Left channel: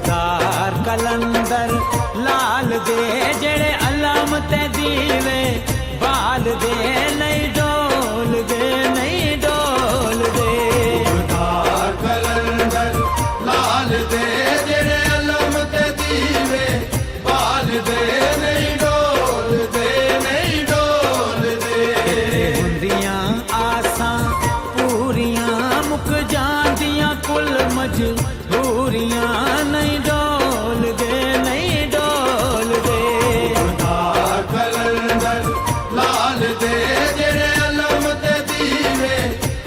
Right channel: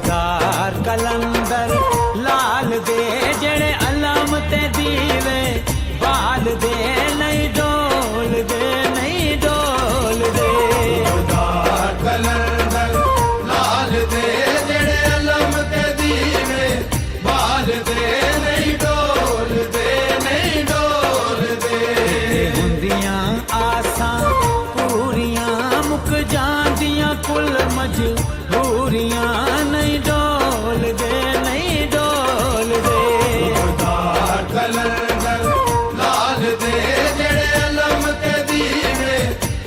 सूबेदार कलंदर लाल दे जेड़े अलम ते दीवे बाल दे नहीं डोल दे नहीं डोल दे। कलंदर लाल दे जेड़े अलम ते दीवे बाल दे नहीं डोल दे नहीं डोल दे। किथे हुंदियां आसां पूरियां मुक जांदियां कुल मजबूरियां नहीं डोल दे नहीं डोल दे। कलंदर लाल दे जेड़े अलम ते दीवे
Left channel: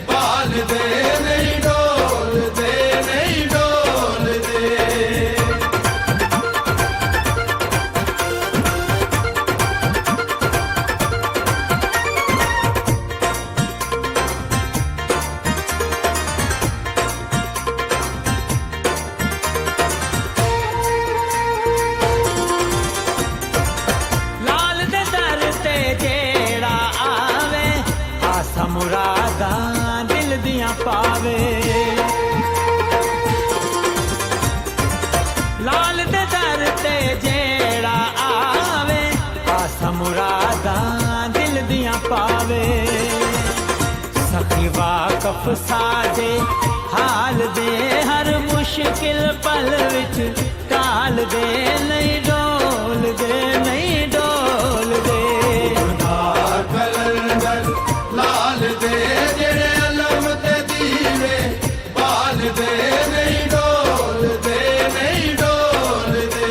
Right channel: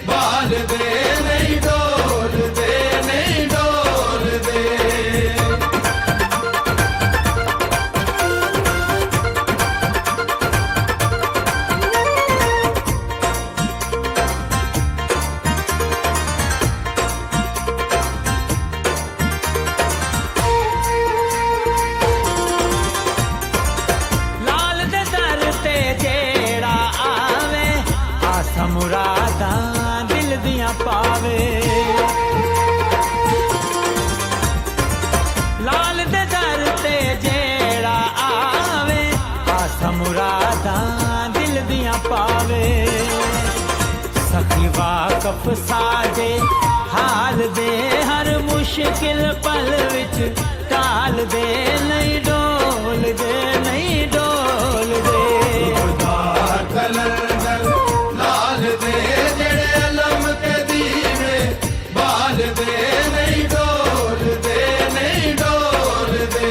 बाल दे नहीं डोल दे नहीं डोल दे। लाल दे दर ते जेड़ा आवे आसा मुरादां दिल दियां पावे। लाल दे दर ते जेड़ा आवे आसा मुरादां दिल दियां पावे। सखी वाकफ साजे हाल दे हर मुश्किल पल विच टाल दे नहीं डोल दे नहीं डोल दे। कलंदर लाल दे जेड़े अलम ते दीवे बाल दे नहीं डोल दे नहीं डोल दे।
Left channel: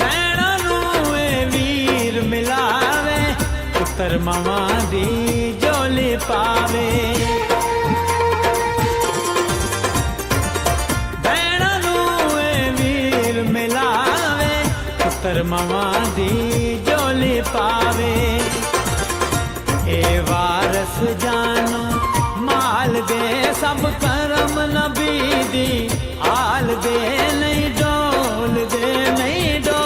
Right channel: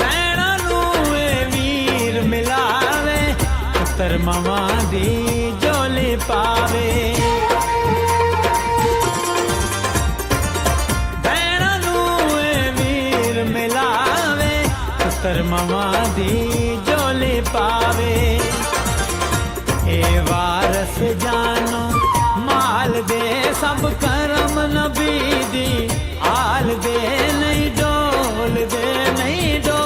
भैणां नूं ए वीर मिलावे पुत्तर मावां दी झोली पावे। भैणां नूं ए वीर मिलावे पुत्तर मावां दी झोली पावे। ए वारस जानो माल दे सब करम नबी दी आल दे नहीं डोल दे नहीं डोल